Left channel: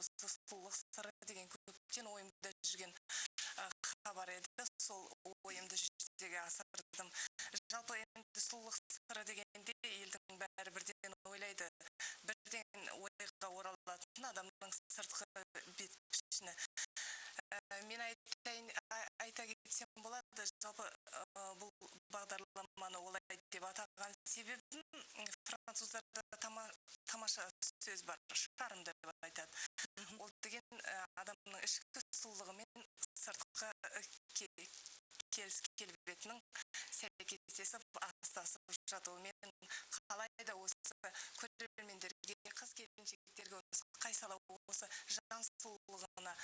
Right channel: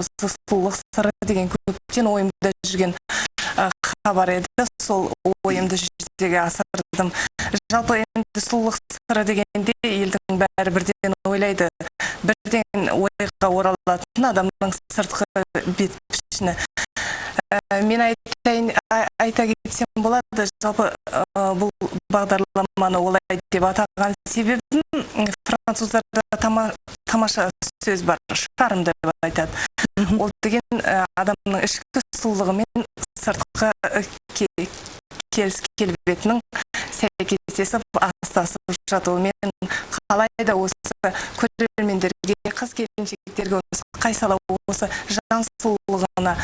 осы сұлулық сыры деген көптен ойымда жүрген хабар еді. Сол ойымды жүзеге асырдым. Жалпы енді сұлулық сыры дегенде елдің бәрі бірден ойлайды. Бірден ойға оралатын адамның сыртқы бет пішіні. Мен айта кетсем болады, жалпы бұл бағдарламаны олай деп атаған себебім француздарда тамаша сөз бар, шарм деп айтады. Ол деген адамның ішкі сұлулығы мен сыртқы келбетінің сәйкестесіп астасып жатуы. Мен қалайда осы көрермендерге, қыз-келіншектерге қайсала осы жан сұлулығына,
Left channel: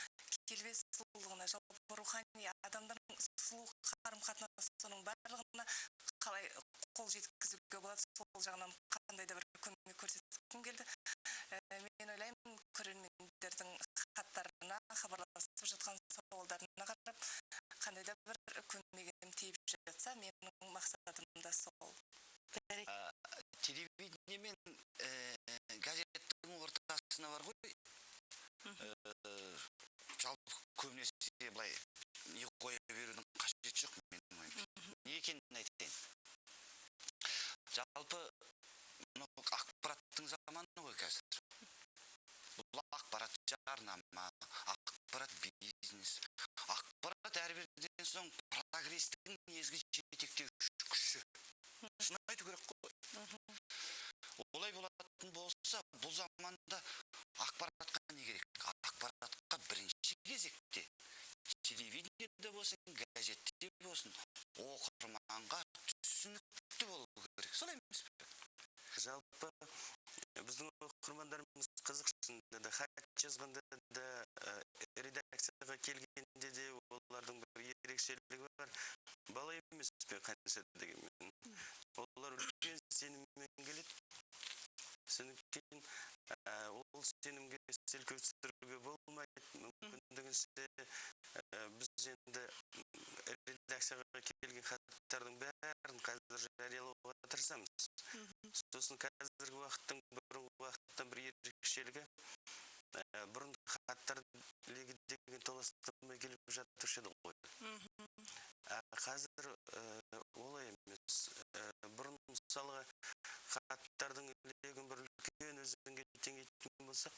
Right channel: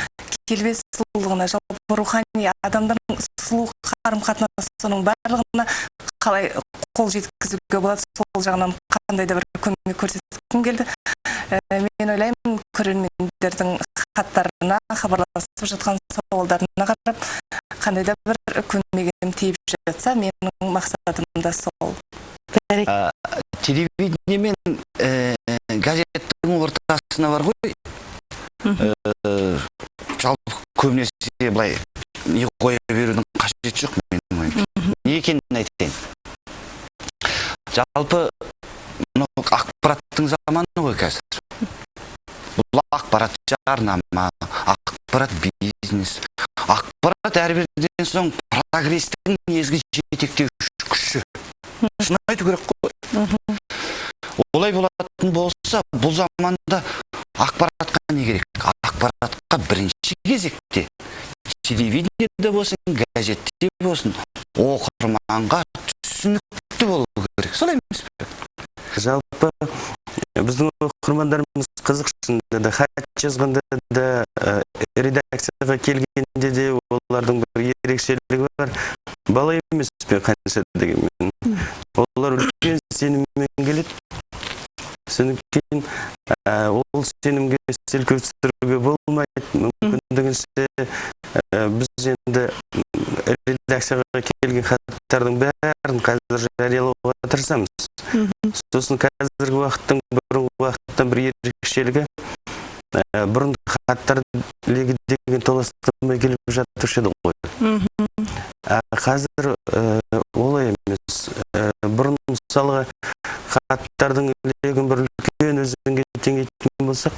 келбет сұлулығына, жалпы рухани адамдардың сұлу қарым-қатынасының барлығына қалай қол жеткізуге болады, сол жағынан қандай да бір көмек көрсеткім келді. Мен ойлаймын, көрермендердің хаттарына, хабарласып жатқан сауалдарына қарап, қандай да бір көмегім тиіп жатса, менің мақсатым да сол. Телевидение мен газеттің ортасына бар ғой, жалпы көбінесе былай не қоя берудің қажеті жоқ менің ойымша. Не екенін айтайын. Жалпы ақпараттың заманы ғой қазір. Бұл ақпарат жарнама, ақпарат бизнес, ақпарат әрбірден соң прогрестің негізгі жетектеуші күші. Шын айту керек қой. Олай болатын болса, бұл заманда ақпаратқа не керек? Ақпаратқа бірінші кезекте телевидениеде болсын, газетте болсын, оқырманға түсінікті болу керек. Солай емес пе? Жалпы біздің оқырмандарымыз қызықшында да, хат жазғанда да, редакцияға келгенде де олардың бір ерекшелігі бар. Бала емес пе қанша дегенмен. Олар үлкен сеніммен келеді. Содан кейін ол сенімге селкеу түсіруге болмайды. Мүмкіндігінше біз енді редакцияға келген хаттардың бәрін қазір жариялауға тырысамыз. Сосын қазіргі уақыттың бұрынғы уақыттан бір ерекшелігі, бұрын хаттар легі деген толастырмай келіп жатушы еді ғой. Қазір олай емес. Бұрын мысалға хаттардың легін бір үлкен өзенге теңейтін болсақ,